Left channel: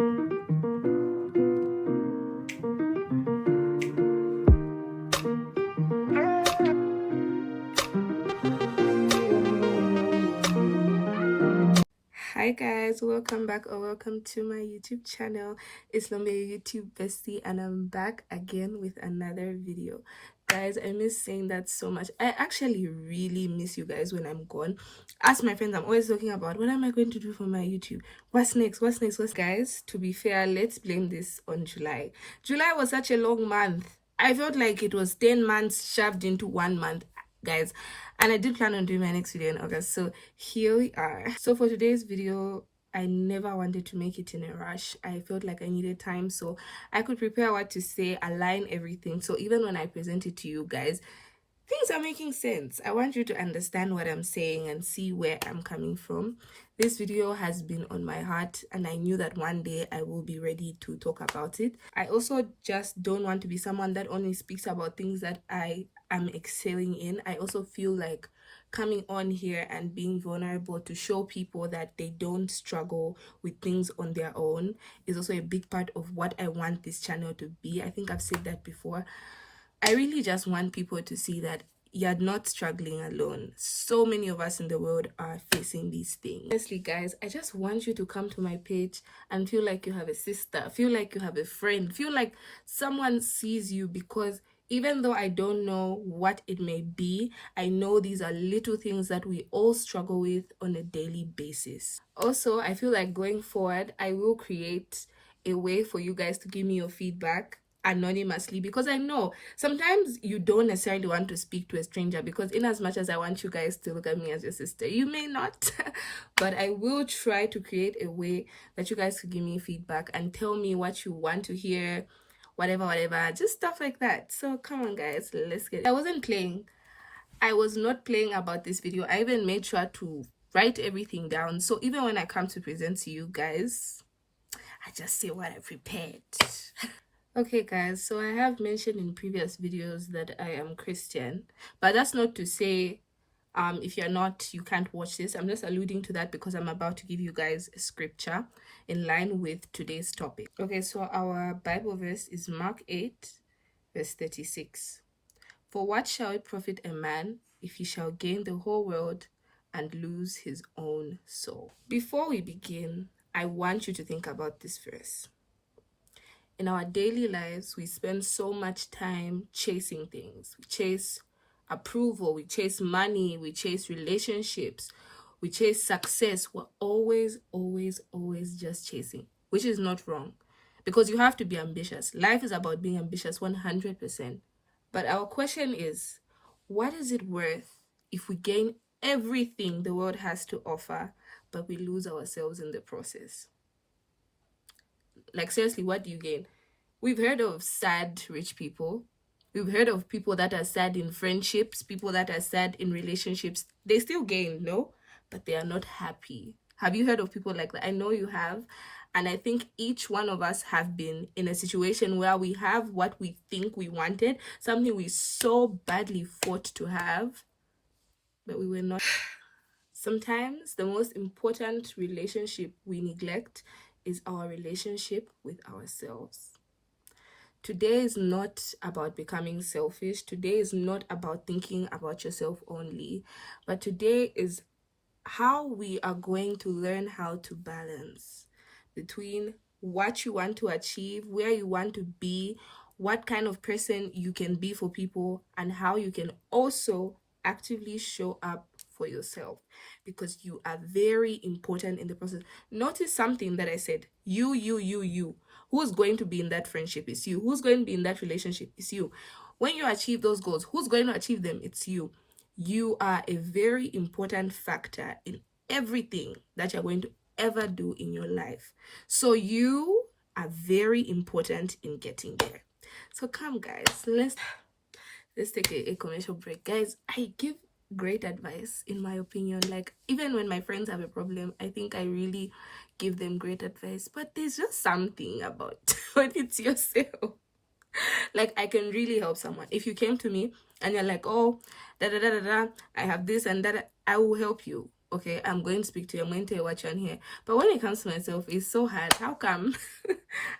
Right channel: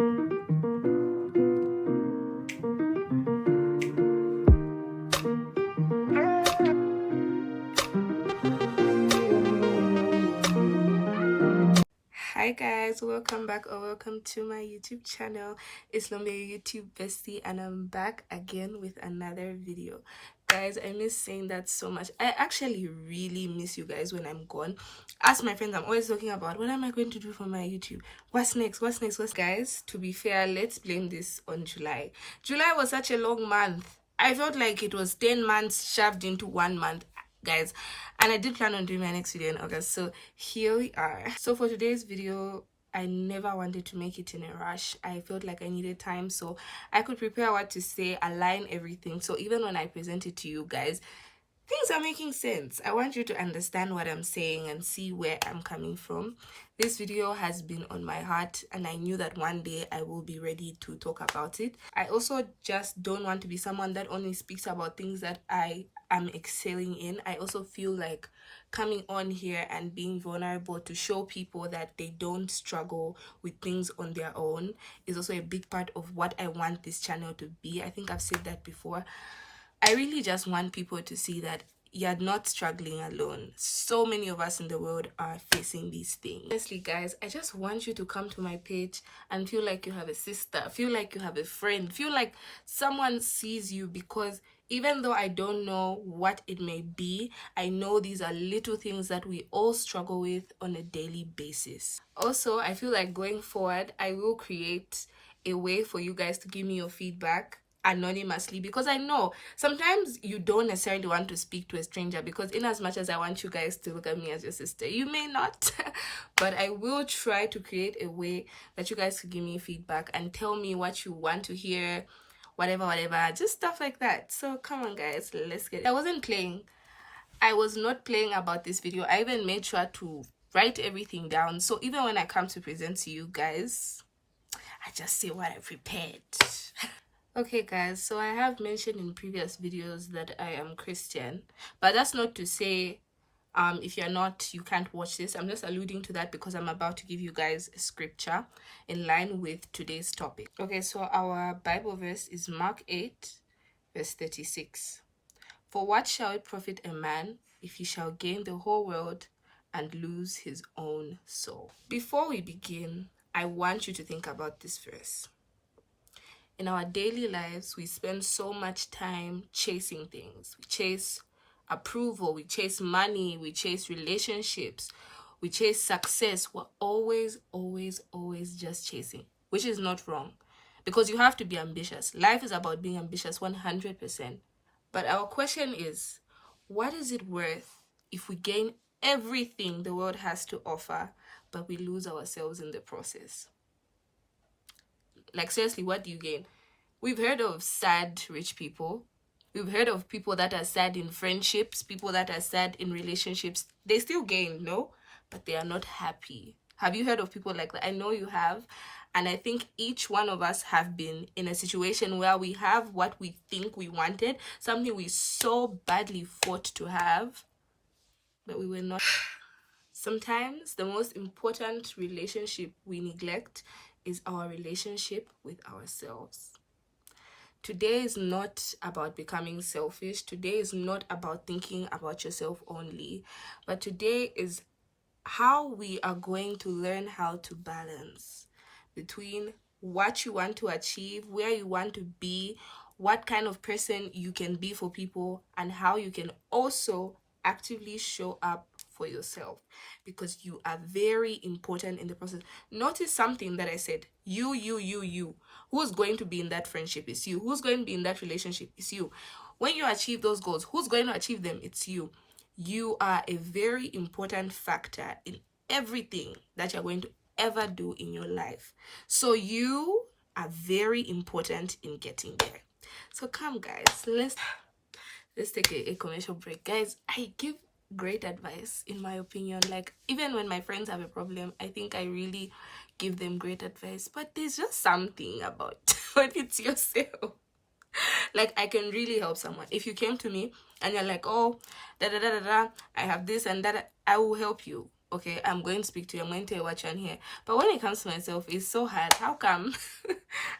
Hi guys, welcome back or welcome to my YouTube channel. It's Lombe, YouTube bestie, and I'm back again with another video. Guys, I miss saying that so much. I actually really miss you guys when I'm gone. Ask my friends, I'm always talking about what am I going to do for my YouTube? What's next? Guys, to be fair, let's blame this on July. July was such a long month. I felt like it was 10 months shoved into 1 month, guys, and I did plan on doing my next video in August, so here we are. So for today's video, I never wanted to make it in a rush. I felt like I needed time so I could prepare what to say, align everything, so even when I present it to you guys, things are making sense. I want you to understand what I'm saying and see where I'm coming from. This video has been on my heart and I knew that one day I will be ready to talk about it. I also just don't want to be someone that only speaks about things that I am excelling in. I also feel like coming on here and being vulnerable to show people that they don't struggle with things on their own is also a big part of what I want this channel to be. I think I've said that before. I really just want people to see that you're not struggling alone. So many of us in the world are facing these things. Honestly, guys, I just want you to come to my page and feel like you have a sister, feel like you have a friend, feel like someone sees you, because even though I don't know what it may be, I know these are little things that we all struggle with on a daily basis. Also, I feel like going forward, I will create a way for you guys to give me your feedback anonymously, because I know sometimes you don't necessarily want to speak to a stranger, because in as much as I want you guys to look at me as your sister, you may not. But I will try to create a way that you guys can give me feedback and tell me what you want to hear, whatever, just stuff like that. So come on guys, let's get it. I was not playing about this video. I even made sure to write everything down, so even when I come to present to you guys, I just say what I prepared. Okay guys, so I have mentioned in previous videos that I am Christian, but that's not to say if you're not, you can't watch this. I'm just alluding to that because I'm about to give you guys a scripture in line with today's topic. Okay, so our Bible verse is Mark 8 verse 36. For what shall it profit a man if he shall gain the whole world and lose his own soul? Before we begin, I want you to think about this verse. In our daily lives, we spend so much time chasing things. We chase approval, we chase money, we chase relationships, we chase success. We're always just chasing, which is not wrong, because you have to be ambitious. Life is about being ambitious 100%. But our question is, what is it worth if we gain everything the world has to offer, but we lose ourselves in the process? Like, seriously, what do you gain? We've heard of sad rich people. We've heard of people that are sad in friendships, people that are sad in relationships. They still gain, no? But they are not happy. Have you heard of people like that? I know you have. And I think each one of us have been in a situation where we have what we think we wanted, something we so badly fought to have, but we were not. Sometimes the most important relationship we neglect is our relationship with ourselves. Today is not about becoming selfish. Today is not about thinking about yourself only. But today is how we are going to learn how to balance between what you want to achieve, where you want to be, what kind of person you can be for people, and how you can also actively show up for yourself, because you are very important in the process. Notice something that I said. You. Who's going to be in that friendship is you. Who's going to be in that relationship is you. When you achieve those goals, who's going to achieve them? It's you. You are a very important factor in everything that you're going to ever do in your life. So you are very important in getting there. So come guys, let's take a commercial break. Guys, I give great advice, in my opinion. Like, even when my friends have a problem, I think I really give them great advice. But there's just something about when it's yourself. Like, I can really help someone. If you came to me and you're like, oh, I have this and that, I will help you. okay, I'm going to speak to you, I'm going to tell you what you want to hear. But when it comes to myself, it's so hard. How come?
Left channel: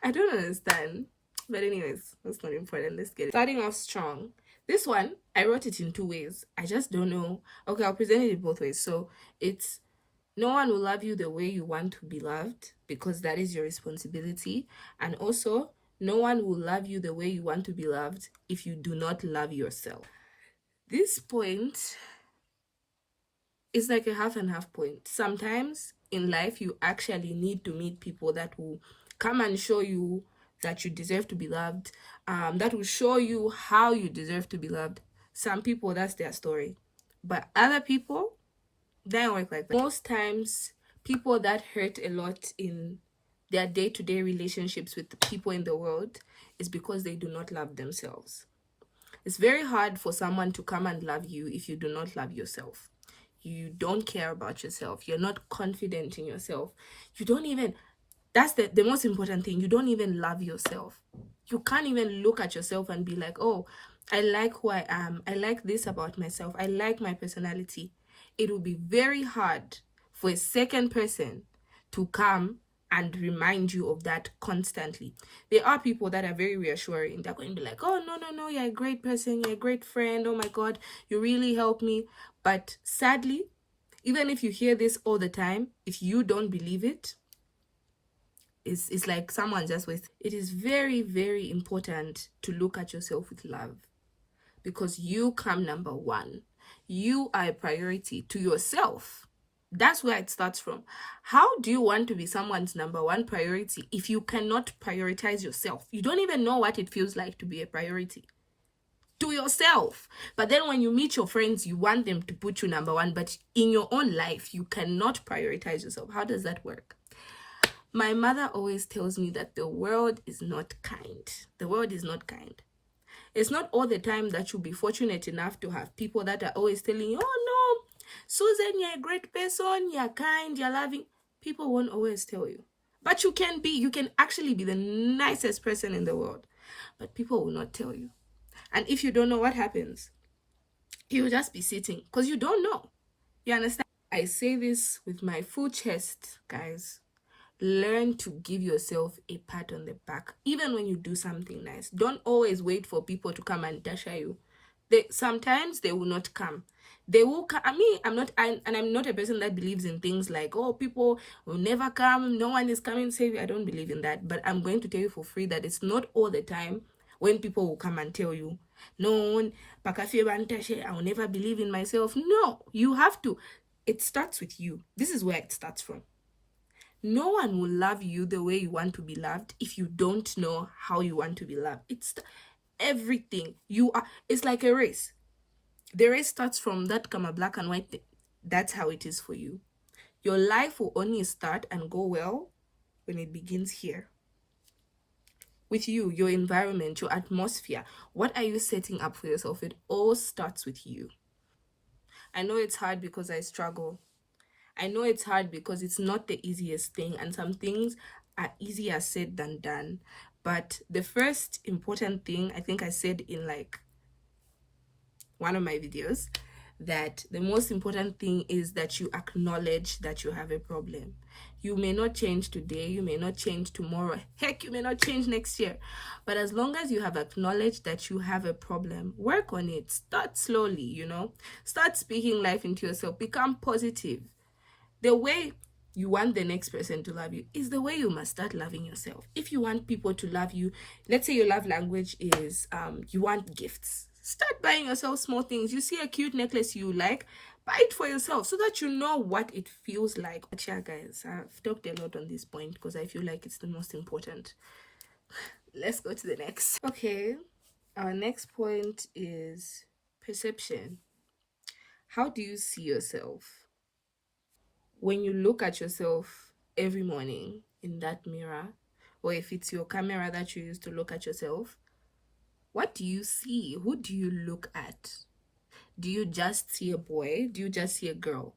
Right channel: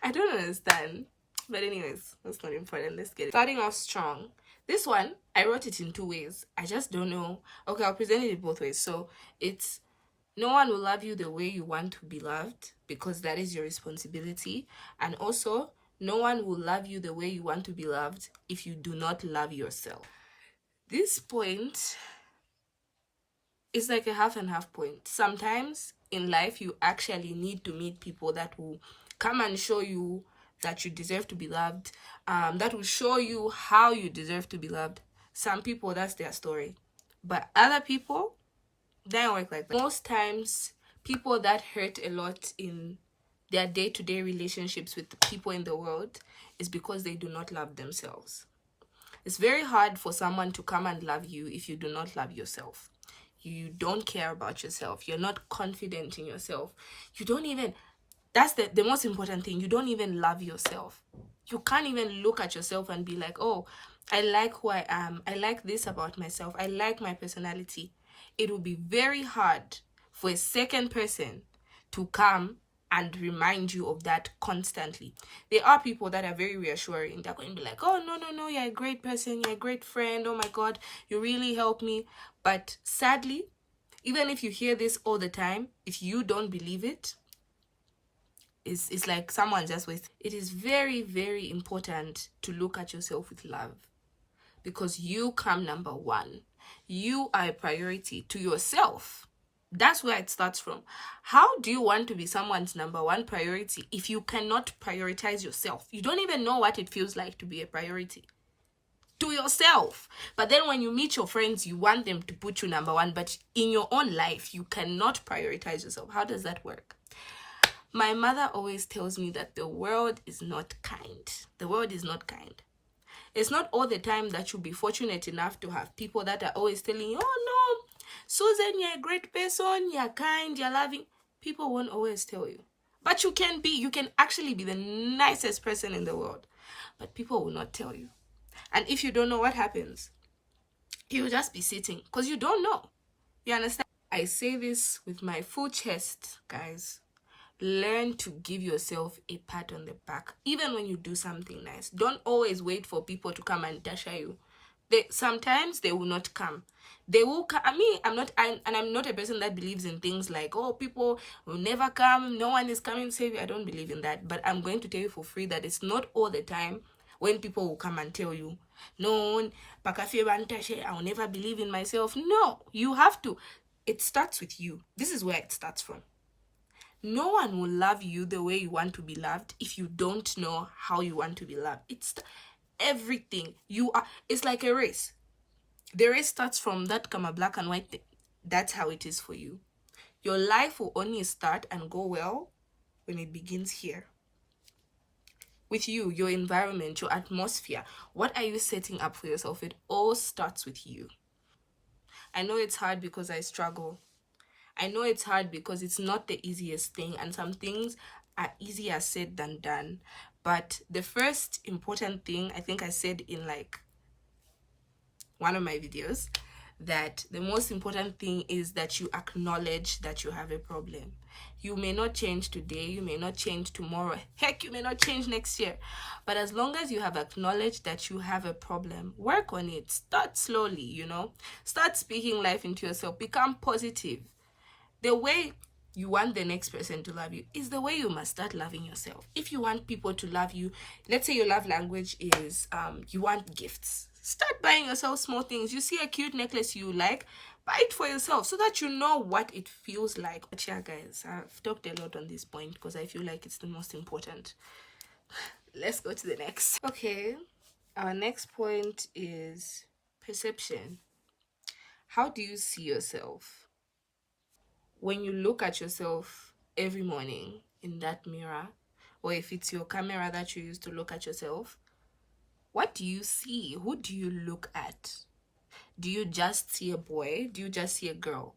I don't understand. But anyways, that's not important. Let's get it. Starting off strong. This one, I wrote it in 2 ways. I just don't know. Okay, I'll present it in both ways. So it's, no one will love you the way you want to be loved, because that is your responsibility. And also, no one will love you the way you want to be loved if you do not love yourself. This point is like a half and half point. Sometimes in life, you actually need to meet people that will come and show you that you deserve to be loved, that will show you how you deserve to be loved. Some people, that's their story. But other people, they don't work like that. Most times, people that hurt a lot in their day-to-day relationships with the people in the world is because they do not love themselves. It's very hard for someone to come and love you if you do not love yourself. You don't care about yourself. You're not confident in yourself. You don't even, that's the most important thing. You don't even love yourself. You can't even look at yourself and be like, oh, I like who I am. I like this about myself. I like my personality. It will be very hard for a second person to come and remind you of that constantly. There are people that are very reassuring. They're going to be like, oh, no, you're a great person. You're a great friend. Oh my God, you really helped me. But sadly, even if you hear this all the time, if you don't believe it, it's like someone just wasted. It is very, very important to look at yourself with love, because you come number one. You are a priority to yourself. That's where it starts from. How do you want to be someone's number one priority if you cannot prioritize yourself? You don't even know what it feels like to be a priority to yourself. But then when you meet your friends, you want them to put you number one, but in your own life, you cannot prioritize yourself. How does that work? My mother always tells me that the world is not kind. The world is not kind. It's not all the time that you'll be fortunate enough to have people that are always telling you, oh no, Susan, you're a great person, you're kind, you're loving. People won't always tell you. But you can actually be the nicest person in the world. But people will not tell you. And if you don't know what happens, you'll just be sitting because you don't know. You understand? I say this with my full chest, guys. Learn to give yourself a pat on the back, even when you do something nice. Don't always wait for people to come and dash you. Sometimes they will not come. They will come. I'm not a person that believes in things like, oh, people will never come, no one is coming to save you. I don't believe in that. But I'm going to tell you for free that it's not all the time when people will come and tell you, no, I will never believe in myself. No, you have to. It starts with you. This is where it starts from. No one will love you the way you want to be loved if you don't know how you want to be loved. It's everything. It's like a race. The race starts from that black and white thing. That's how it is for you. Your life will only start and go well when it begins here. With you, your environment, your atmosphere. What are you setting up for yourself? It all starts with you. I know it's hard because I struggle. I know it's hard because it's not the easiest thing, and some things are easier said than done. But the first important thing, I think I said in like one of my videos, that the most important thing is that you acknowledge that you have a problem. You may not change today, you may not change tomorrow, heck, you may not change next year. But as long as you have acknowledged that you have a problem, work on it. Start slowly, Start speaking life into yourself. Become positive. The way you want the next person to love you is the way you must start loving yourself. If you want people to love you, let's say your love language is you want gifts. Start buying yourself small things. You see a cute necklace you like, buy it for yourself so that you know what it feels like. But yeah, guys, I've talked a lot on this point because I feel like it's the most important. Let's go to the next. Okay, our next point is perception. How do you see yourself? When you look at yourself every morning in that mirror, or if it's your camera that you use to look at yourself, what do you see? Who do you look at? Do you just see a boy? Do you just see a girl?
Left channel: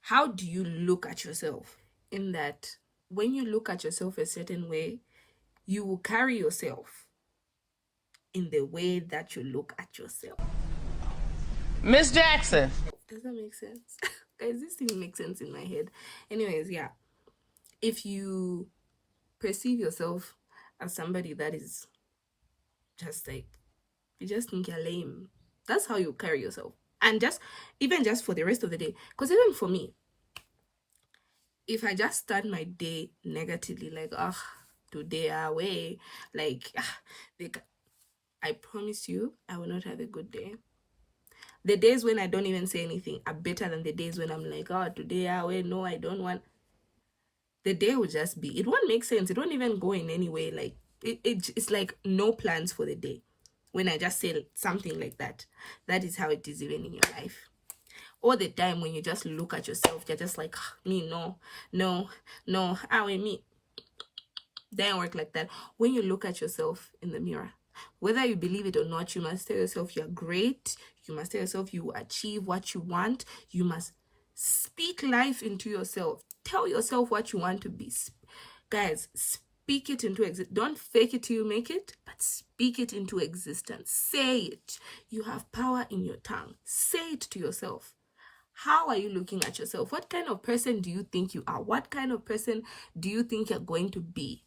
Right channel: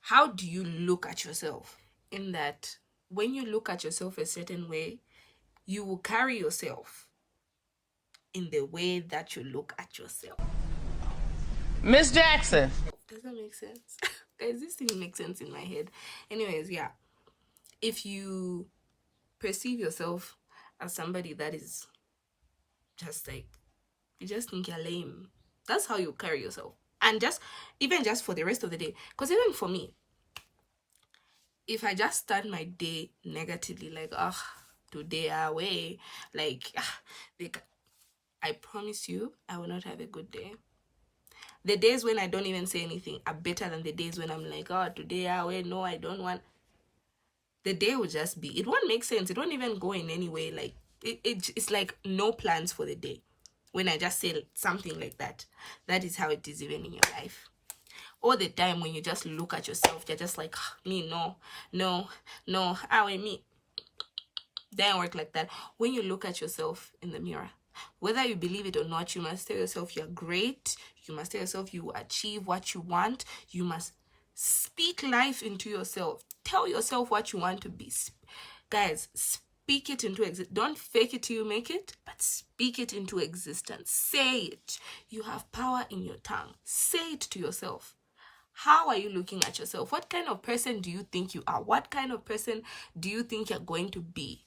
How do you look at yourself? In that, when you look at yourself a certain way, you will carry yourself in the way that you look at yourself. Miss Jackson. Doesn't make sense. Guys, this thing makes sense in my head. Anyways, yeah. If you perceive yourself as somebody that is just like, you just think you're lame, that's how you carry yourself. And even just for the rest of the day. Because even for me, if I just start my day negatively, like, today away, like, I promise you, I will not have a good day. The days when I don't even say anything are better than the days when I'm like, today away, no, I don't want. The day will just be, it won't make sense. It won't even go in any way. Like, it's like no plans for the day. When I just say something like that, that is how it is even in your life. All the time when you just look at yourself, you're just like, me, no, me. Doesn't work like that. When you look at yourself in the mirror, whether you believe it or not, you must tell yourself you're great. You must tell yourself you will achieve what you want. You must speak life into yourself. Tell yourself what you want to be. Guys, speak it into existence. Don't fake it till you make it, but speak it into existence. Say it. You have power in your tongue. Say it to yourself. How are you looking at yourself? What kind of person do you think you are? What kind of person do you think you're going to be?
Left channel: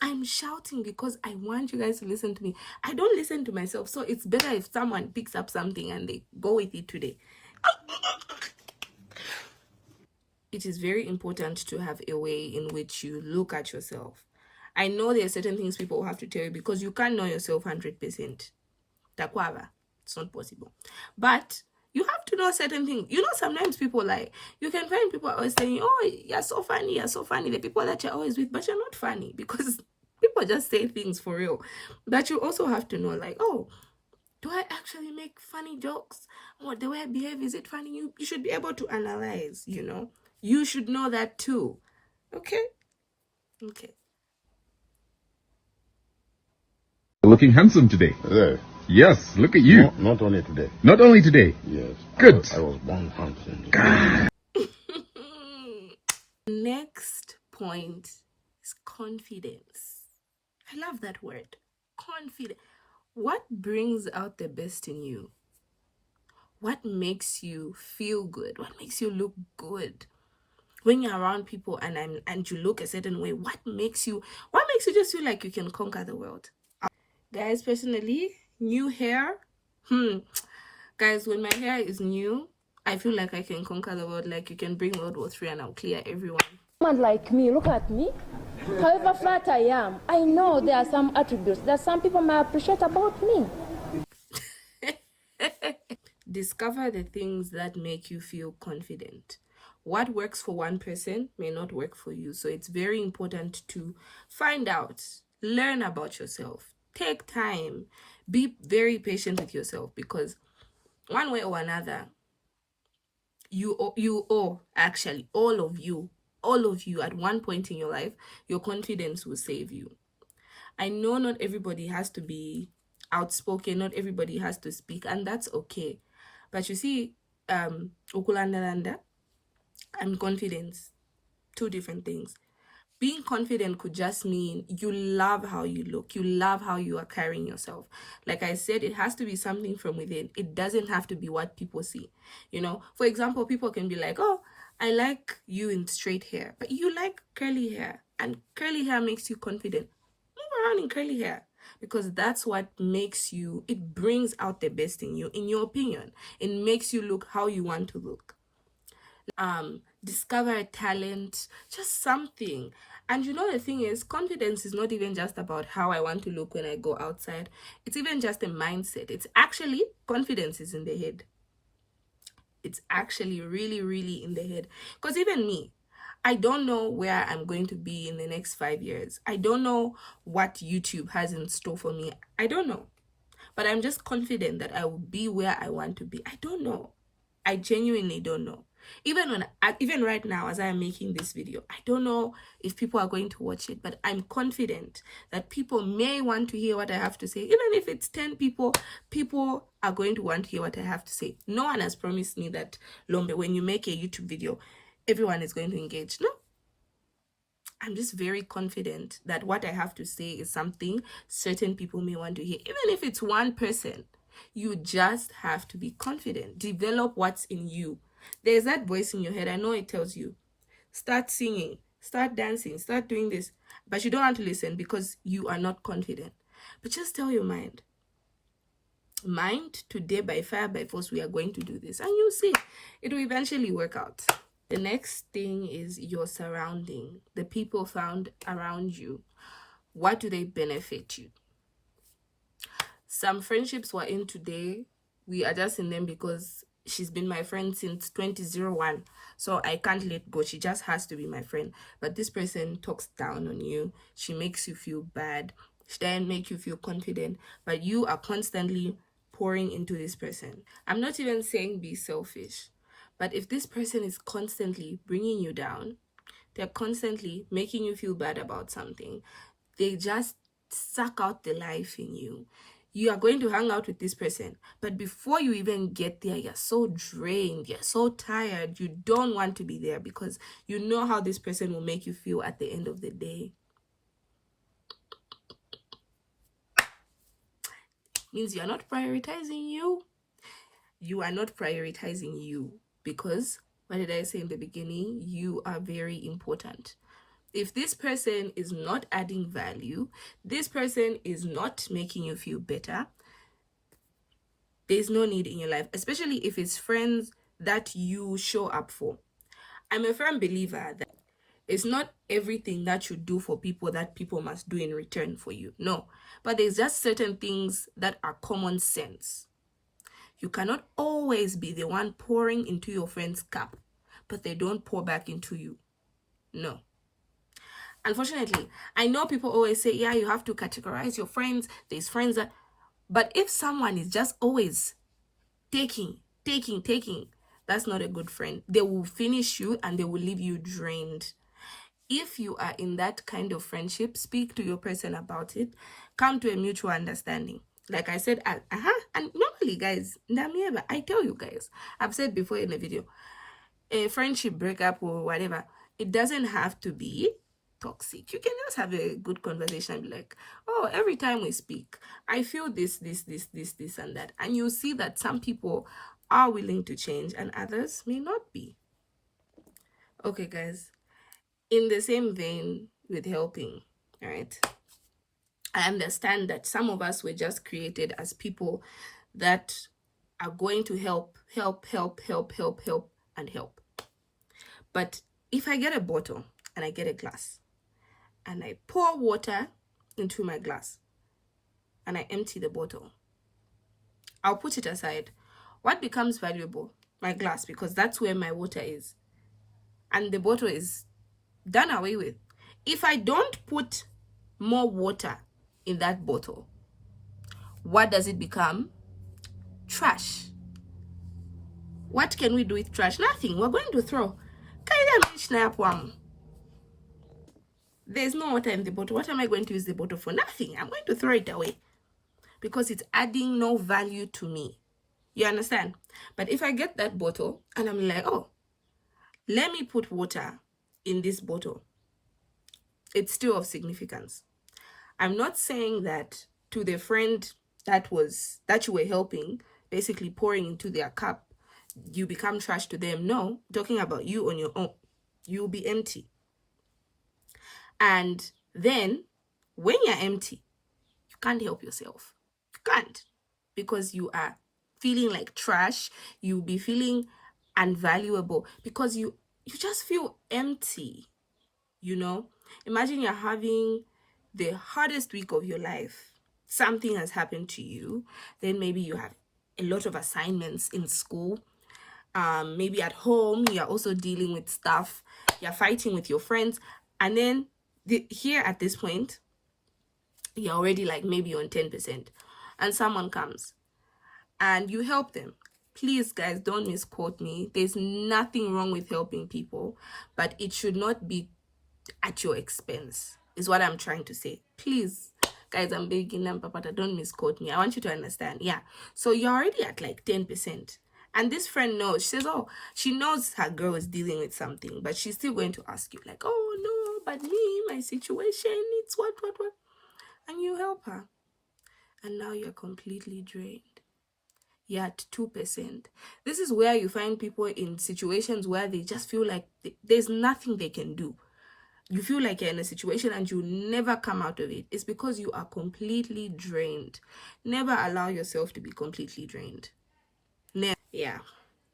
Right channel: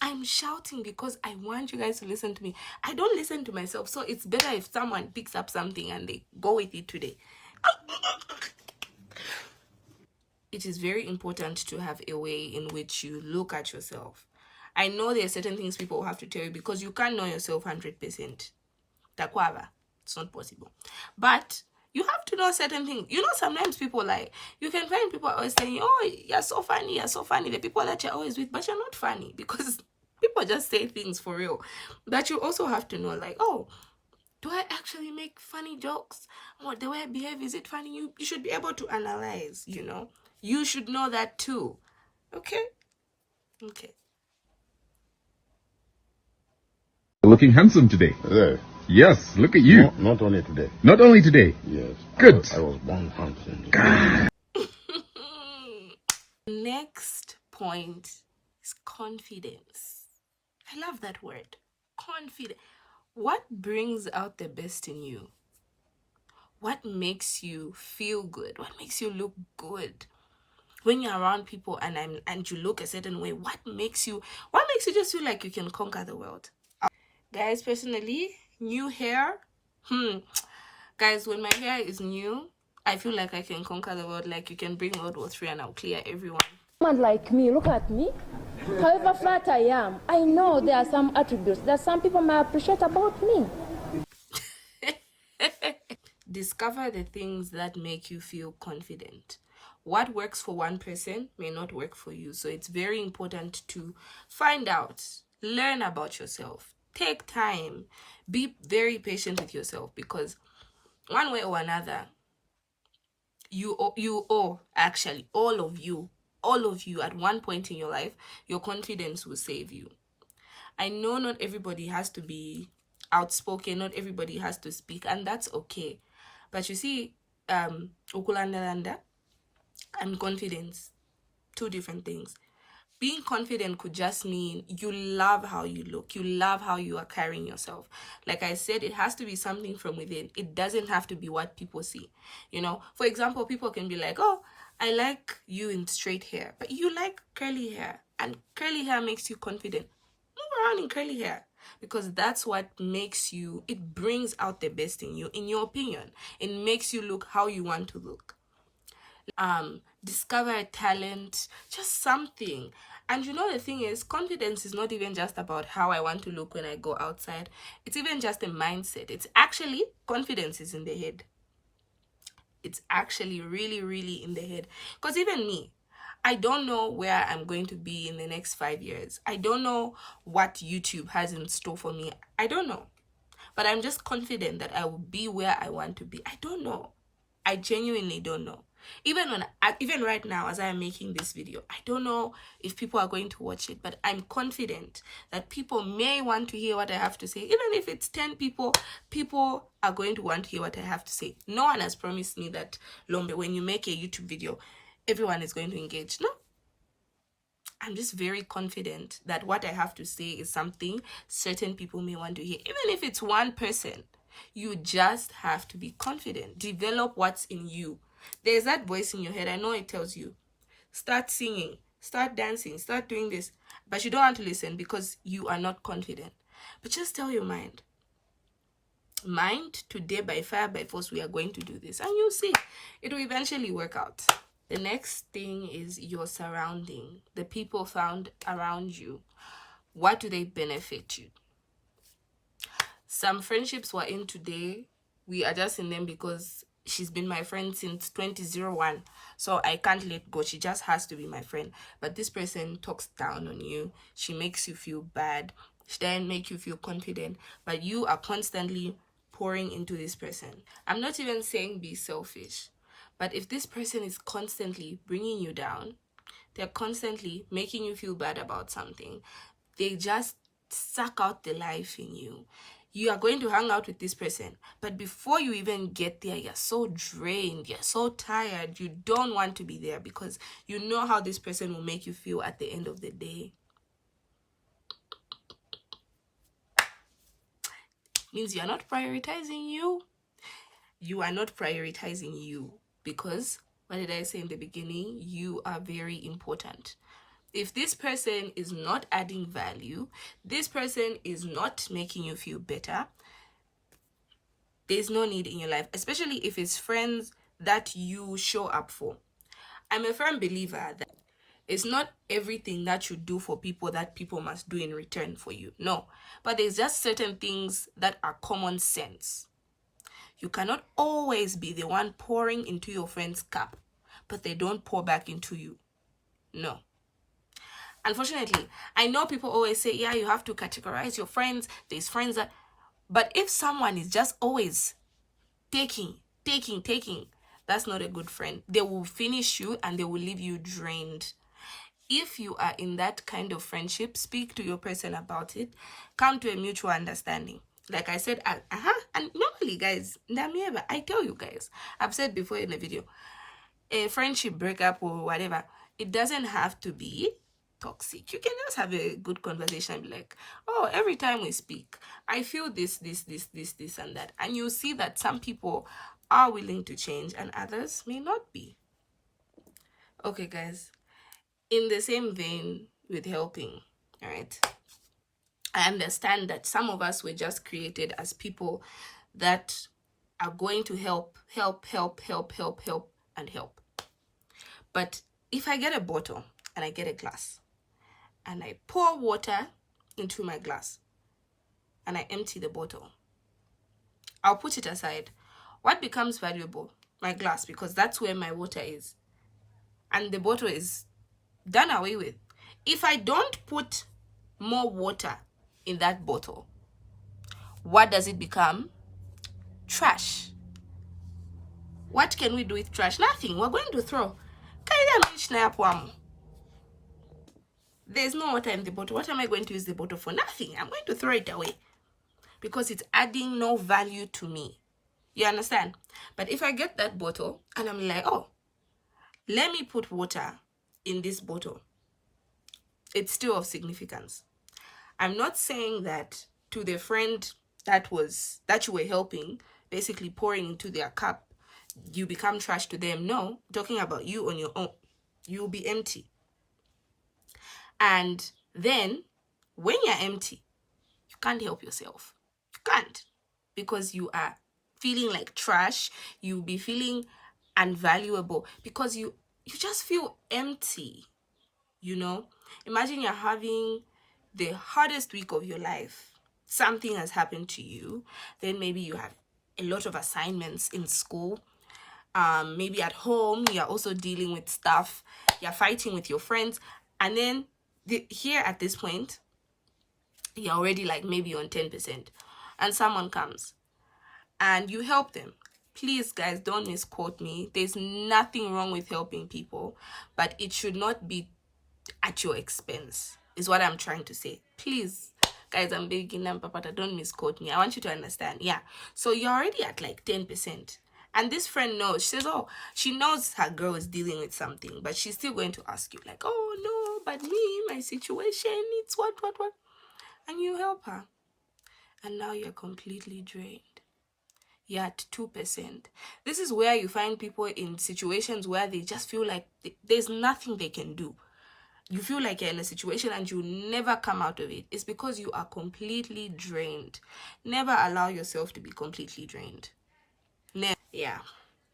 I'm shouting because I want you guys to listen to me. I don't listen to myself, so it's better if someone picks up something and they go with it today. It is very important to have a way in which you look at yourself. I know there are certain things people have to tell you because you can't know yourself 100%. Takwava, it's not possible. But you have to know certain things. You know, sometimes people you can find people always saying, oh, you're so funny, the people that you're always with, but you're not funny because people just say things for real. But you also have to know, like, oh, do I actually make funny jokes? Or the way I behave, is it funny? You should be able to analyze, you know. You should know that too. Okay? Okay. Looking handsome today. Yeah. Yes, look at you. Not only today. Not only today. Yes. Good. I was born handsome. Next point is confidence. I love that word. Confidence. What brings out the best in you? What makes you feel good? What makes you look good? When you're around people and you look a certain way, what makes you just feel like you can conquer the world? Guys, personally, new hair. Guys, when my hair is new, I feel like I can conquer the world. Like, you can bring World War III and I'll clear everyone. Someone like me, look at me. However flat I am, I know there are some attributes that some people may appreciate about me. Discover the things that make you feel confident. What works for one person may not work for you. So it's very important to find out, learn about yourself, take time, be very patient with yourself, because one way or another, actually, all of you at one point in your life, your confidence will save you. I know not everybody has to be outspoken, not everybody has to speak, and that's okay. But you see, ukulandalanda and confidence, two different things. Being confident could just mean you love how you look. You love how you are carrying yourself. Like I said, it has to be something from within. It doesn't have to be what people see. You know, for example, people can be like, oh, I like you in straight hair, but you like curly hair, and curly hair makes you confident. Move around in curly hair, because that's what makes you, it brings out the best in you, in your opinion. It makes you look how you want to look. Discover a talent, just something. And you know, the thing is, confidence is not even just about how I want to look when I go outside. It's even just a mindset. It's actually, confidence is in the head. It's actually really, really in the head. Because even me, I don't know where I'm going to be in the next 5 years. I don't know what YouTube has in store for me. I don't know. But I'm just confident that I will be where I want to be. I don't know. I genuinely don't know. Even right now, as I am making this video, I don't know if people are going to watch it, but I'm confident that people may want to hear what I have to say. Even if it's 10 people, people are going to want to hear what I have to say. No one has promised me that, Lombe, when you make a YouTube video, everyone is going to engage. No. I'm just very confident that what I have to say is something certain people may want to hear. Even if it's one person, you just have to be confident. Develop what's in you. There's that voice in your head. I know it tells you, start singing, start dancing, start doing this. But you don't want to listen because you are not confident. But just tell your mind, today by fire, by force, we are going to do this. And you'll see, it will eventually work out. The next thing is your surrounding. The people found around you. What do they benefit you? Some friendships we're in today, we are just in them because she's been my friend since 2001. So I can't let go. She just has to be my friend. But this person talks down on you. She makes you feel bad. She doesn't make you feel confident. But you are constantly pouring into this person. I'm not even saying be selfish. But if this person is constantly bringing you down, they're constantly making you feel bad about something, they just suck out the life in you. You are going to hang out with this person, but before you even get there, you're so drained, you're so tired, you don't want to be there because you know how this person will make you feel at the end of the day. Means you're not prioritizing you. You are not prioritizing you because, what did I say in the beginning? You are very important. If this person is not adding value, this person is not making you feel better, there's no need in your life, especially if it's friends that you show up for. I'm a firm believer that it's not everything that you do for people that people must do in return for you. No, but there's just certain things that are common sense. You cannot always be the one pouring into your friend's cup, but they don't pour back into you. No. Unfortunately, I know people always say, yeah, you have to categorize your friends. There's friends that... But if someone is just always taking, that's not a good friend. They will finish you and they will leave you drained. If you are in that kind of friendship, speak to your person about it. Come to a mutual understanding. Like I said, and normally, guys, I tell you guys, I've said before in the video, a friendship breakup or whatever, it doesn't have to be toxic. You can just have a good conversation and be like, oh, every time we speak, I feel this, and that. And you'll see that some people are willing to change and others may not be. Okay, guys. In the same vein with helping, all right? I understand that some of us were just created as people that are going to help. But if I get a bottle and I get a glass and I pour water into my glass and I empty the bottle, I'll put it aside. What becomes valuable? My glass, because that's where my water is. And the bottle is done away with. If I don't put more water in that bottle, what does it become? Trash. What can we do with trash? Nothing. We're going to throw. There's no water in the bottle. What am I going to use the bottle for? Nothing. I'm going to throw it away because it's adding no value to me. You understand? But if I get that bottle and I'm like, oh, let me put water in this bottle, it's still of significance. I'm not saying that to the friend that you were helping, basically pouring into their cup, you become trash to them. No, I'm talking about you on your own. You'll be empty. And then when you're empty, you can't help yourself. You can't, because you are feeling like trash. You'll be feeling unvaluable because you just feel empty. You know, imagine you're having the hardest week of your life. Something has happened to you. Then maybe you have a lot of assignments in school. Maybe at home, you're also dealing with stuff. You're fighting with your friends. And then here at this point, you're already like maybe on 10%. And someone comes and you help them. Please, guys, don't misquote me. There's nothing wrong with helping people, but it should not be at your expense, is what I'm trying to say. Please, guys, I'm begging them, Papa, don't misquote me. I want you to understand. Yeah. So you're already at like 10%. And this friend knows. She says, oh, she knows her girl is dealing with something, but she's still going to ask you like, oh, no, but me, my situation, it's what. And you help her. And now you're completely drained. you're at 2%. This is where you find people in situations where they just feel like there's nothing they can do. You feel like you're in a situation and you never come out of it. It's because you are completely drained. Never allow yourself to be completely drained. Yeah.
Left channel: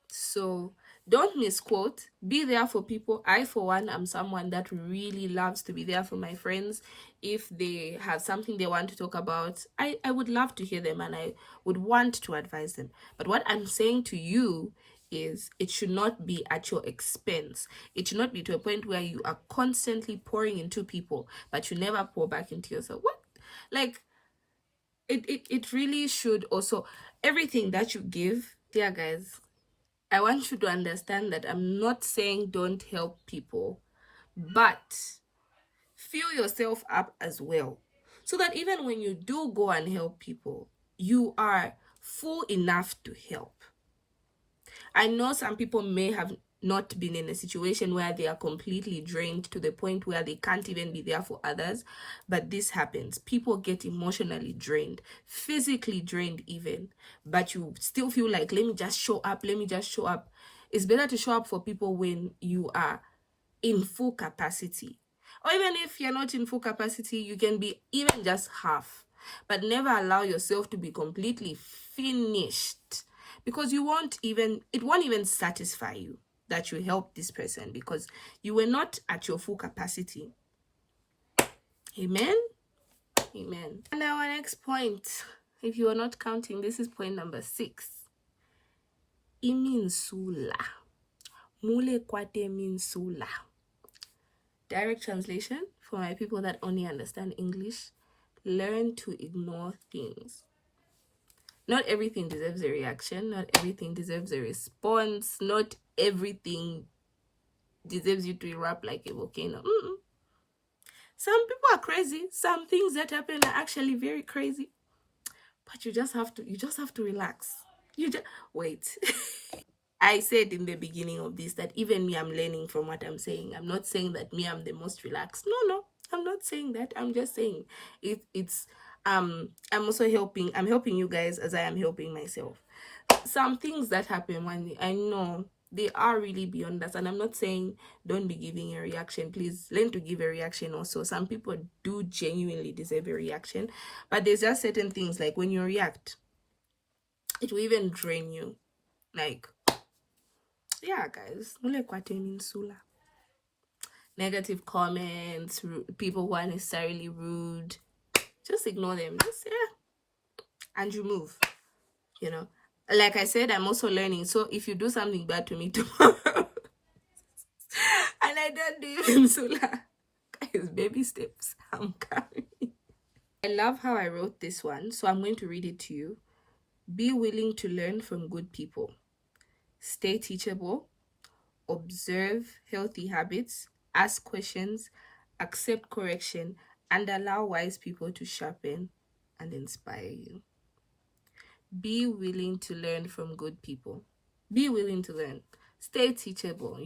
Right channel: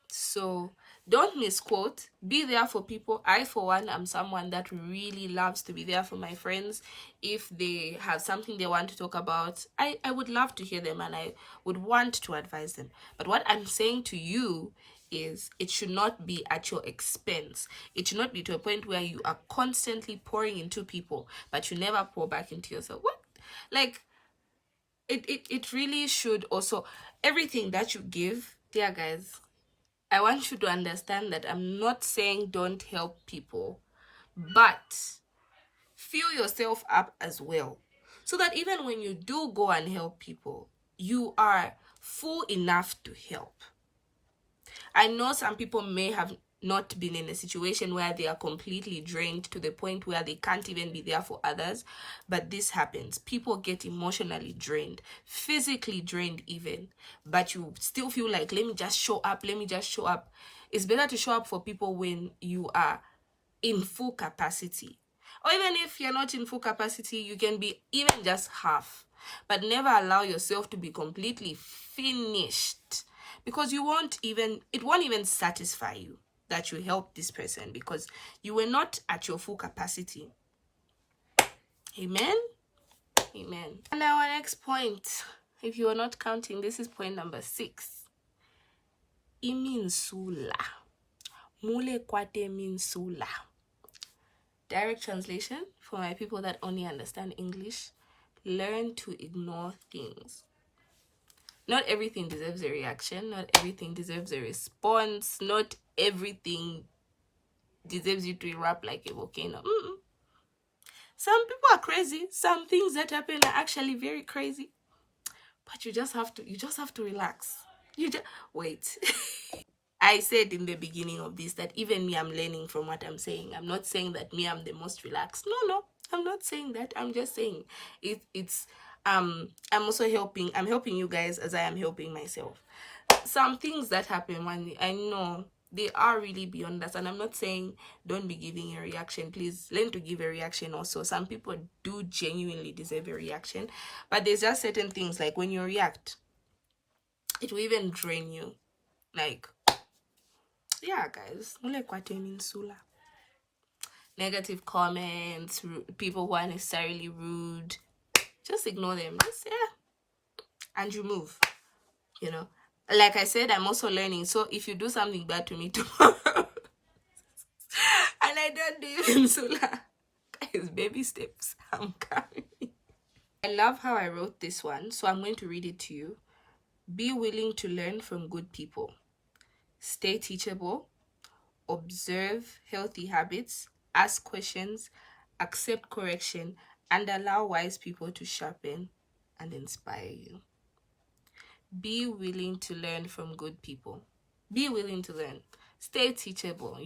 So don't misquote. Be there for people. I, for one, am someone that really loves to be there for my friends. If they have something they want to talk about, I would love to hear them and I would want to advise them. But what I'm saying to you is it should not be at your expense. It should not be to a point where you are constantly pouring into people, but you never pour back into yourself. What? Like, it really should also, everything that you give, yeah, guys, I want you to understand that I'm not saying don't help people, but fill yourself up as well. So that even when you do go and help people, you are full enough to help. I know some people may have not been in a situation where they are completely drained to the point where they can't even be there for others, but this happens. People get emotionally drained, physically drained even, but you still feel like, let me just show up. It's better to show up for people when you are in full capacity. Or even if you're not in full capacity, you can be even just half, but never allow yourself to be completely finished, because it won't even satisfy you that you helped this person because you were not at your full capacity. Amen. And our next point, if you are not counting, this is point number 6. Iminsula. Mule kwate minsula. Direct translation for my people that only understand English: learn to ignore things. Not everything deserves a reaction. Not everything deserves a response. Not everything deserves you to erupt like a volcano. Some people are crazy. Some things that happen are actually very crazy. But you just have to relax. Wait. I said in the beginning of this that even me, I'm learning from what I'm saying. I'm not saying that me, I'm the most relaxed. No, I'm not saying that. I'm just saying I'm also helping. I'm helping you guys as I am helping myself. Some things that happen when I know they are really beyond us, and I'm not saying don't be giving a reaction. Please learn to give a reaction also. Some people do genuinely deserve a reaction, but there's just certain things like when you react, it will even drain you. Like, yeah, guys, negative comments, people who are necessarily rude, just ignore them. And you move. Like I said, I'm also learning. So if you do something bad to me tomorrow and I don't do even Sula, guys, baby steps, I'm coming. I love how I wrote this one, so I'm going to read it to you. Be willing to learn from good people. Stay teachable. Observe healthy habits. Ask questions. Accept correction. And allow wise people to sharpen and inspire you. Be willing to learn from good people. Be willing to learn. Stay teachable,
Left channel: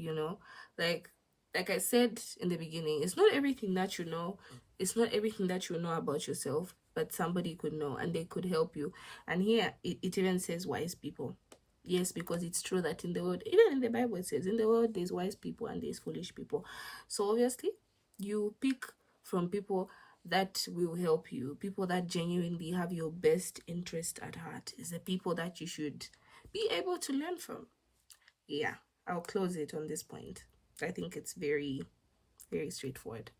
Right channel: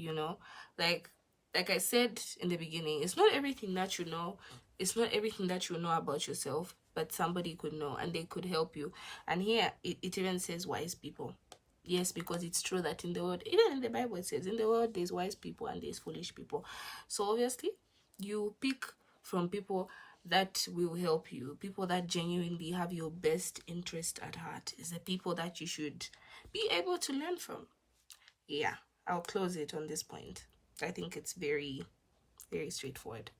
Like I said in the beginning, it's not everything that you know. It's not everything that you know about yourself, but somebody could know and they could help you. And here, it even says wise people. Yes, because it's true that in the world, even in the Bible, it says in the world, there's wise people and there's foolish people. So obviously, you pick from people that will help you, people that genuinely have your best interest at heart, is the people that you should be able to learn from. Yeah, I'll close it on this point. I think it's very, very straightforward.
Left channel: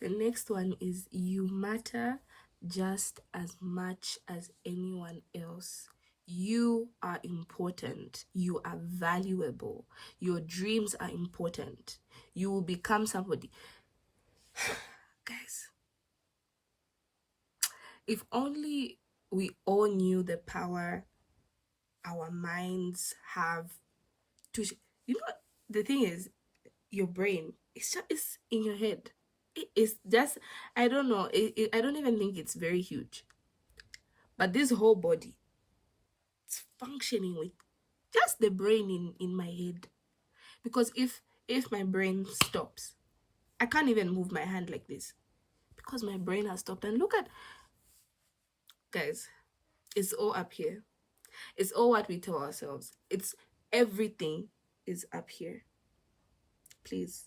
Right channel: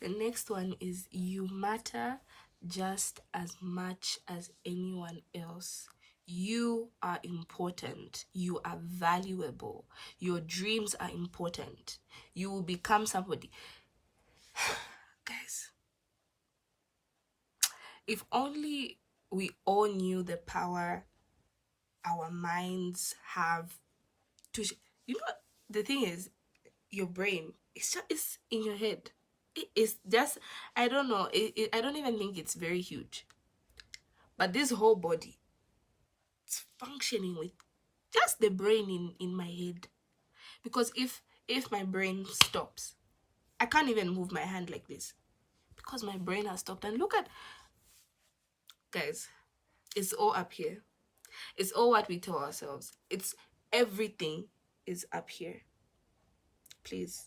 The next one is you matter just as much as anyone else. You are important. You are valuable. Your dreams are important. You will become somebody. Guys, if only we all knew the power our minds have to the thing is, your brain, it's in your head. It's just, I don't know, I don't even think it's very huge, but this whole body, it's functioning with just the brain in my head. Because if my brain stops, I can't even move my hand like this because my brain has stopped. And look at, guys, it's all up here. It's all what we tell ourselves. It's everything is up here. Please.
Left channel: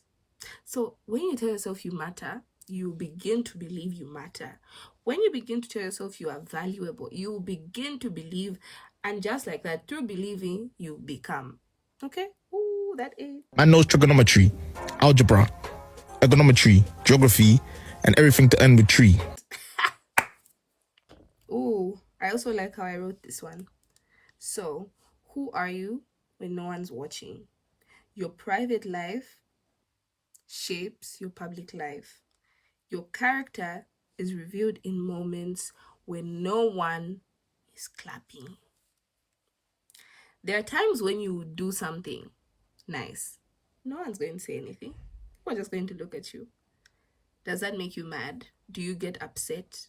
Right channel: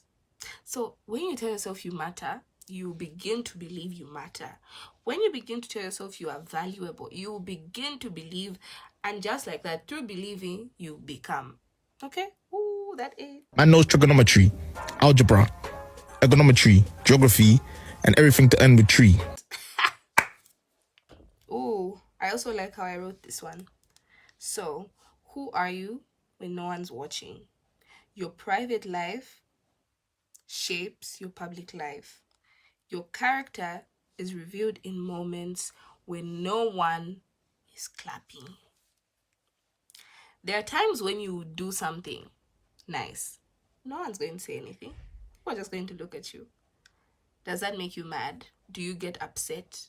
So when you tell yourself you matter, you begin to believe you matter. When you begin to tell yourself you are valuable, you begin to believe, and just like that, through believing, you become. Okay? Ooh, that is. Man knows trigonometry, algebra, econometry, geography, and everything to end with tree. Ooh, I also like how I wrote this one. So, who are you when no one's watching? Your private life shapes your public life. Your character is revealed in moments when no one is clapping. There are times when you do something nice. No one's going to say anything. We're just going to look at you. Does that make you mad? Do you get upset?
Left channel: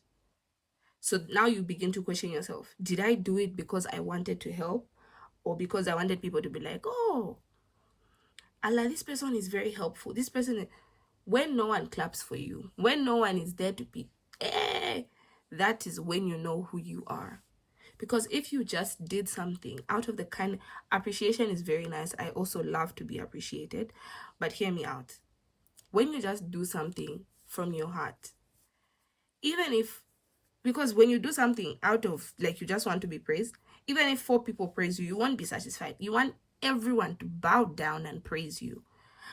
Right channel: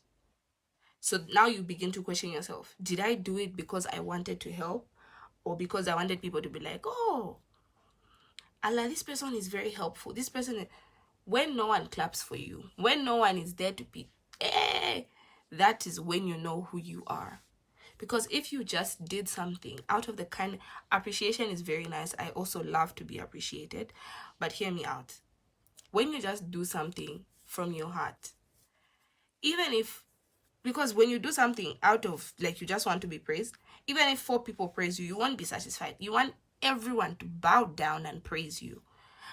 So now you begin to question yourself. Did I do it because I wanted to help? Or because I wanted people to be like, oh, Allah, this person is very helpful. This person, when no one claps for you, when no one is there to be, that is when you know who you are. Because if you just did something out of the kind, appreciation is very nice. I also love to be appreciated. But hear me out. When you just do something from your heart, even if, because when you do something out of, like, you just want to be praised, even if 4 people praise you, you won't be satisfied. You want everyone to bow down and praise you.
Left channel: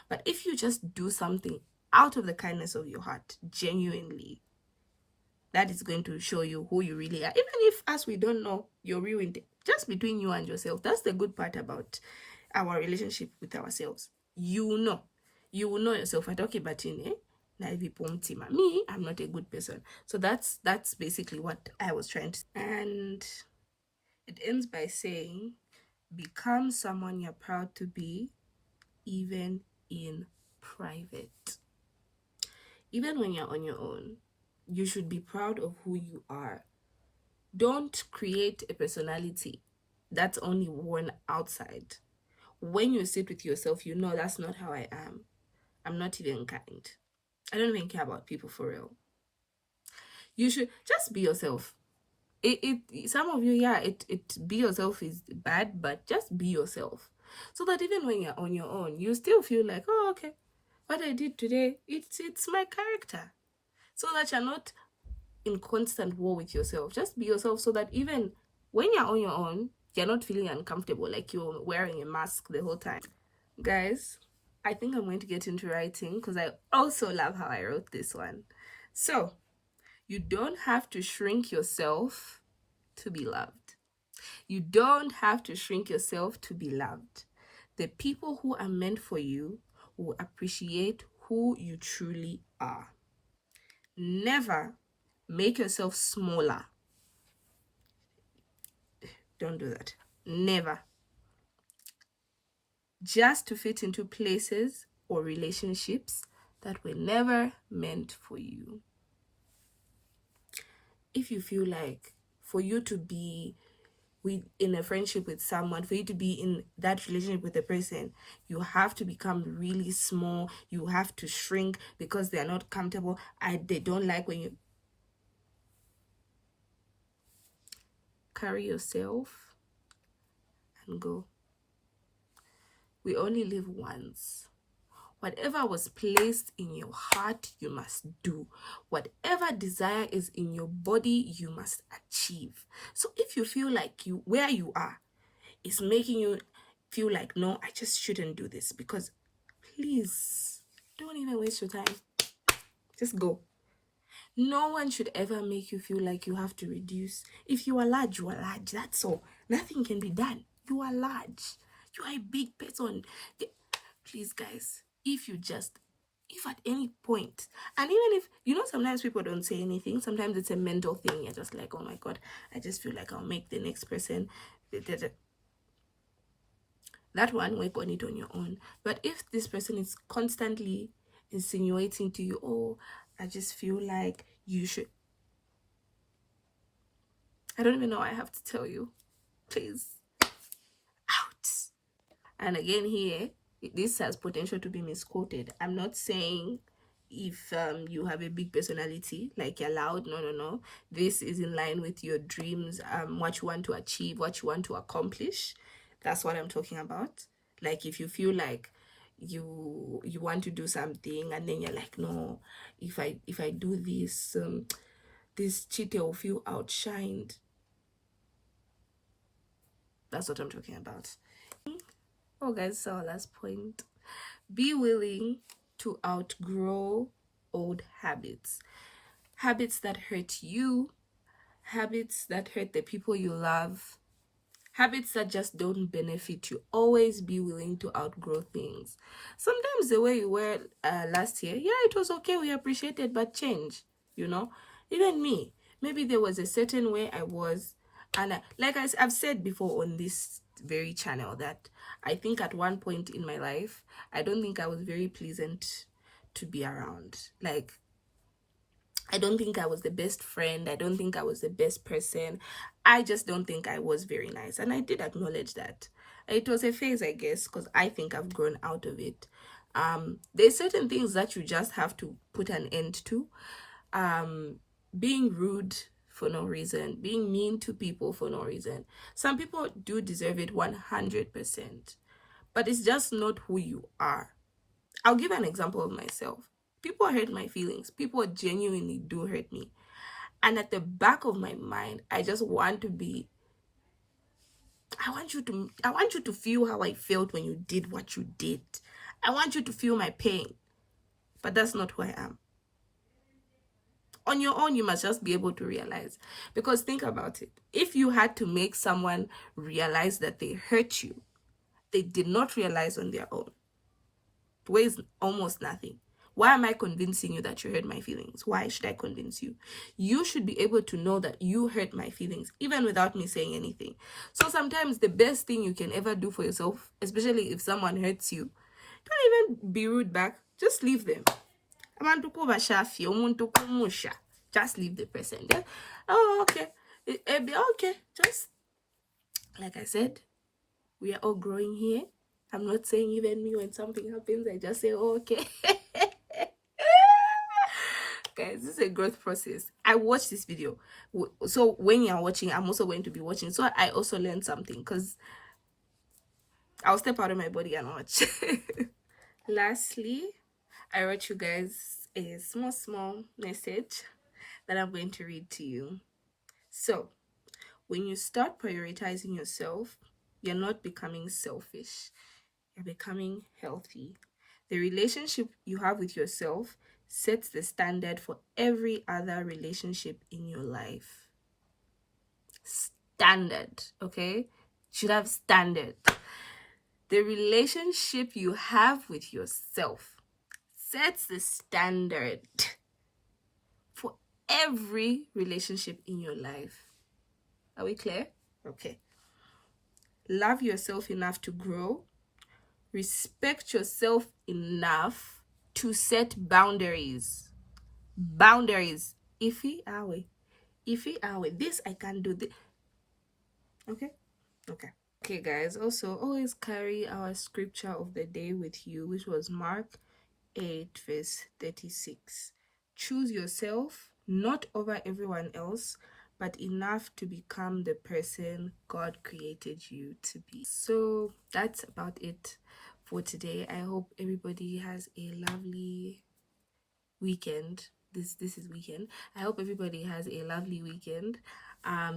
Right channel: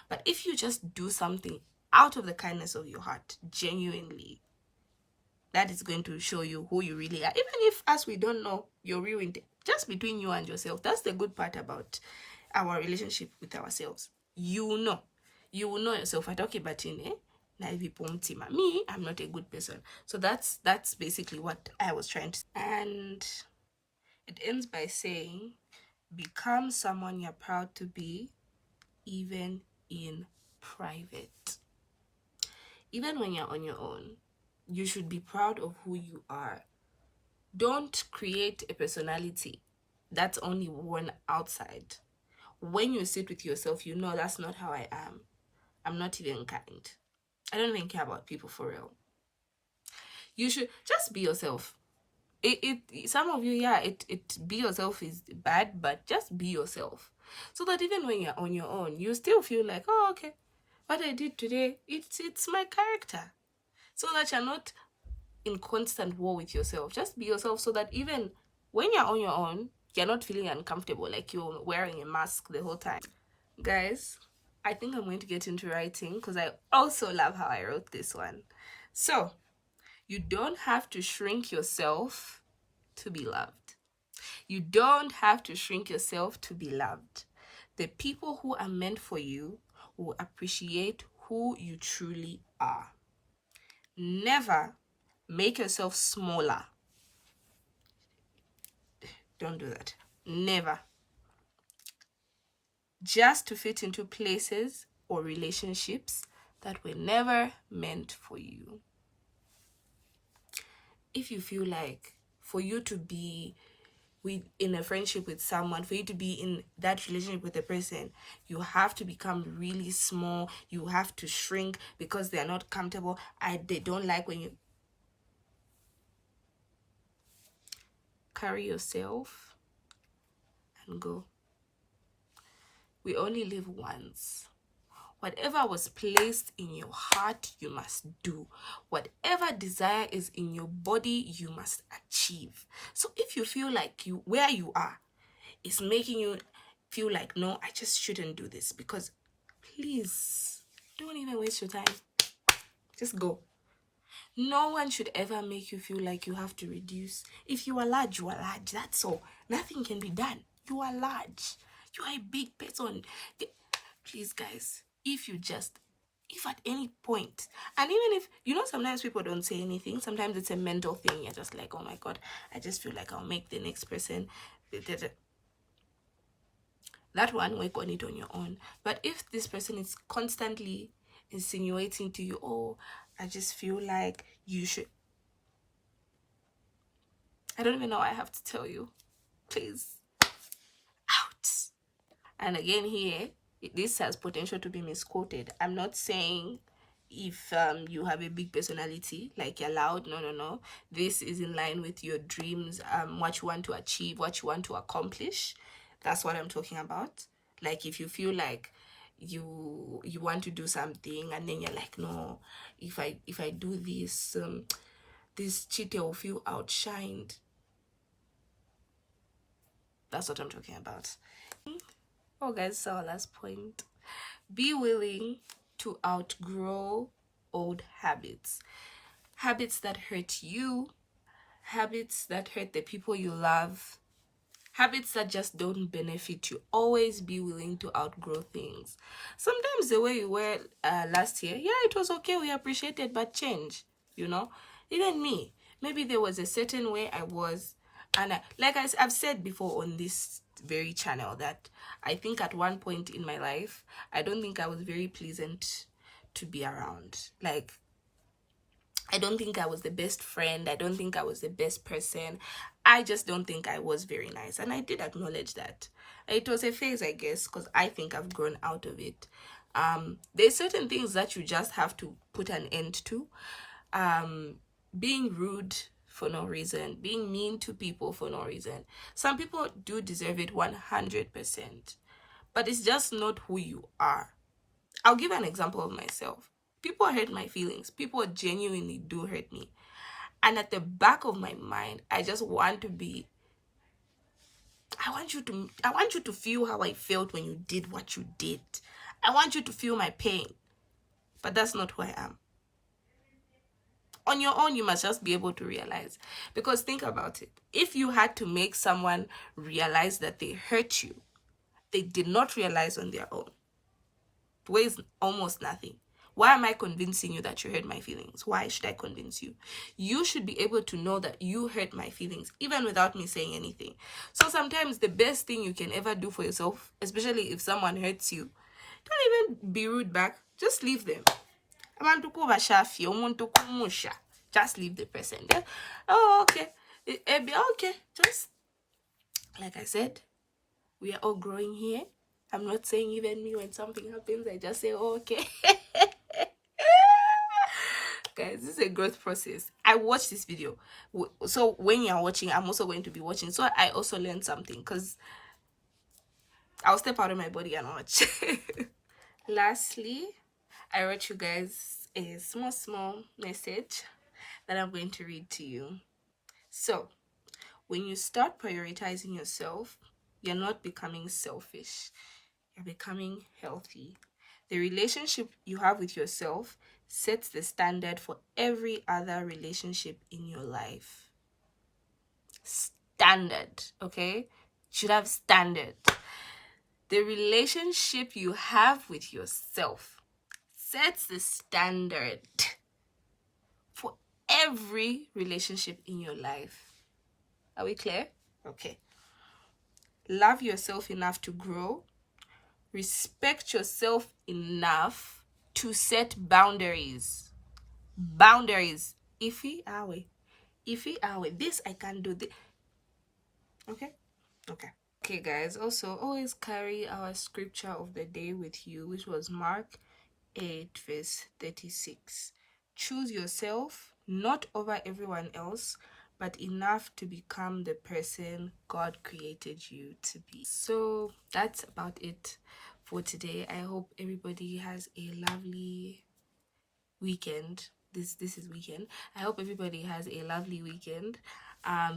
But if you just do something out of the kindness of your heart, genuinely, that is going to show you who you really are. Even if, as we don't know your real intent, just between you and yourself. That's the good part about our relationship with ourselves. You will know yourself. I talk about me, I'm not a good person. So that's basically what I was trying to say. And it ends by saying, become someone you're proud to be, even in private. Even when you're on your own, you should be proud of who you are. Don't create a personality that's only worn outside. When you sit with yourself, you know that's not how I am. I'm not even kind. I don't even care about people for real. You should just be yourself. Some of you, be yourself is bad, but just be yourself. So that even when you're on your own, you still feel like, oh, okay, what I did today, it's my character. So that you're not in constant war with yourself. Just be yourself so that even when you're on your own, you're not feeling uncomfortable, like you're wearing a mask the whole time. Guys, I think I'm going to get into writing because I also love how I wrote this one. So, you don't have to shrink yourself to be loved. You don't have to shrink yourself to be loved. The people who are meant for you will appreciate who you truly are. Never make yourself smaller. Don't do that. Never. Just to fit into places or relationships that were never meant for you. If you feel like for you to be in a friendship with someone, for you to be in that relationship with a person, you have to become really small. You have to shrink because they are not comfortable. They don't like when you carry yourself and go. We only live once. Whatever was placed in your heart, you must do. Whatever desire is in your body, you must achieve. So if you feel like where you are is making you feel like, no, I just shouldn't do this, because please, don't even waste your time. Just go. No one should ever make you feel like you have to reduce. If you are large, you are large. That's all. Nothing can be done. You are large. You are a big person. Please, guys, if at any point, and even if, sometimes people don't say anything, sometimes it's a mental thing. You're just like, oh my God, I just feel like I'll make the next person. That one, work on it on your own. But if this person is constantly insinuating to you, oh, I just feel like you should. I don't even know what I have to tell you. Please. Out. And again here, this has potential to be misquoted. I'm not saying if you have a big personality, like you're loud. No. This is in line with your dreams, what you want to achieve, what you want to accomplish. That's what I'm talking about. Like if you feel like you want to do something and then you're like, no, if I do this, this cheater will feel outshined. That's what I'm talking about. Oh guys, so our last point. Be willing to outgrow old habits. Habits that hurt you, habits that hurt the people you love, habits that just don't benefit you. Always be willing to outgrow things. Sometimes the way you were last year, yeah, it was okay, we appreciate it, but change, even me, maybe there was a certain way I was, and I've said before on this very channel that I think at one point in my life, I don't think I was very pleasant to be around. Like, I don't think I was the best friend. I don't think I was the best person. I just don't think I was very nice. And I did acknowledge that. It was a phase, I guess, because I think I've grown out of it. There's certain things that you just have to put an end to. Being rude for no reason, being mean to people for no reason. Some people do deserve it 100%, but it's just not who you are. I'll give an example of myself. People hurt my feelings. People genuinely do hurt me. And at the back of my mind, I just want to be, I want you to feel how I felt when you did what you did. I want you to feel my pain. But that's not who I am. On your own, you must just be able to realize. Because think about it. If you had to make someone realize that they hurt you, they did not realize on their own. It weighs almost nothing. Why am I convincing you that you hurt my feelings? Why should I convince you? You should be able to know that you hurt my feelings, even without me saying anything. So sometimes the best thing you can ever do for yourself, especially if someone hurts you, don't even be rude back. Just leave them. Just leave the person. Then, oh, okay. It'll be okay. Just, like I said, we are all growing here. I'm not saying even me, when something happens, I just say, oh, okay. Guys, this is a growth process. I watched this video. So when you're watching, I'm also going to be watching. So I also learned something, because I'll step out of my body and watch. Lastly, I wrote you guys a small message that I'm going to read to you. So, when you start prioritizing yourself, you're not becoming selfish. You're becoming healthy. The relationship you have with yourself sets the standard for every other relationship in your life. Standard, okay? Should have standard. The relationship you have with yourself sets the standard for every relationship in your life. Are we clear? Okay. Love yourself enough to grow. Respect yourself enough to set boundaries. Boundaries. Iffy awe. This I can do. This. Okay? Okay, guys. Also, always carry our scripture of the day with you, which was Mark 8, verse 36. Choose yourself, not over everyone else, but enough to become the person God created you to be. So that's about it for today. I hope everybody has a lovely weekend. This is weekend. I hope everybody has a lovely weekend.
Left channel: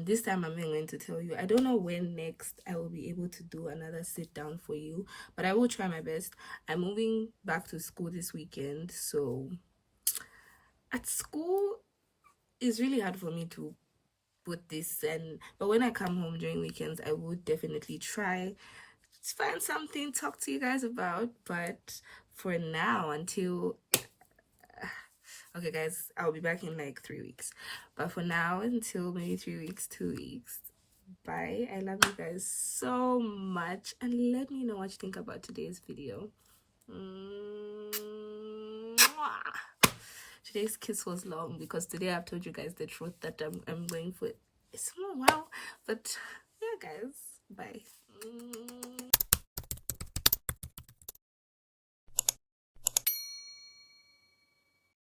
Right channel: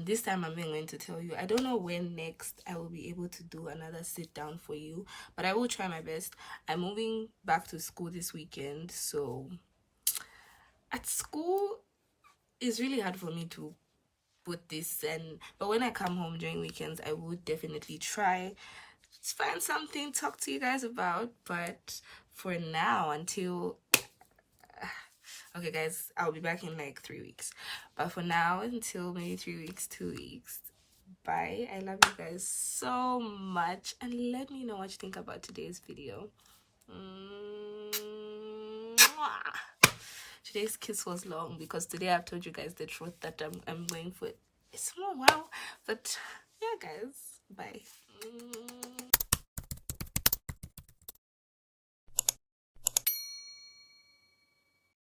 This time I'm going to tell you, I don't know when next I will be able to do another sit down for you, but I will try my best. I'm moving back to school this weekend, so at school it's really hard for me to put this, but when I come home during weekends, I would definitely try to find something to talk to you guys about. But for now, until okay guys, I'll be back in like 3 weeks, but for now, until maybe 3 weeks, 2 weeks, bye. I love you guys so much, and let me know what you think about today's video. Today's kiss was long because today I've told you guys the truth that I'm going for a small while, but yeah guys, bye.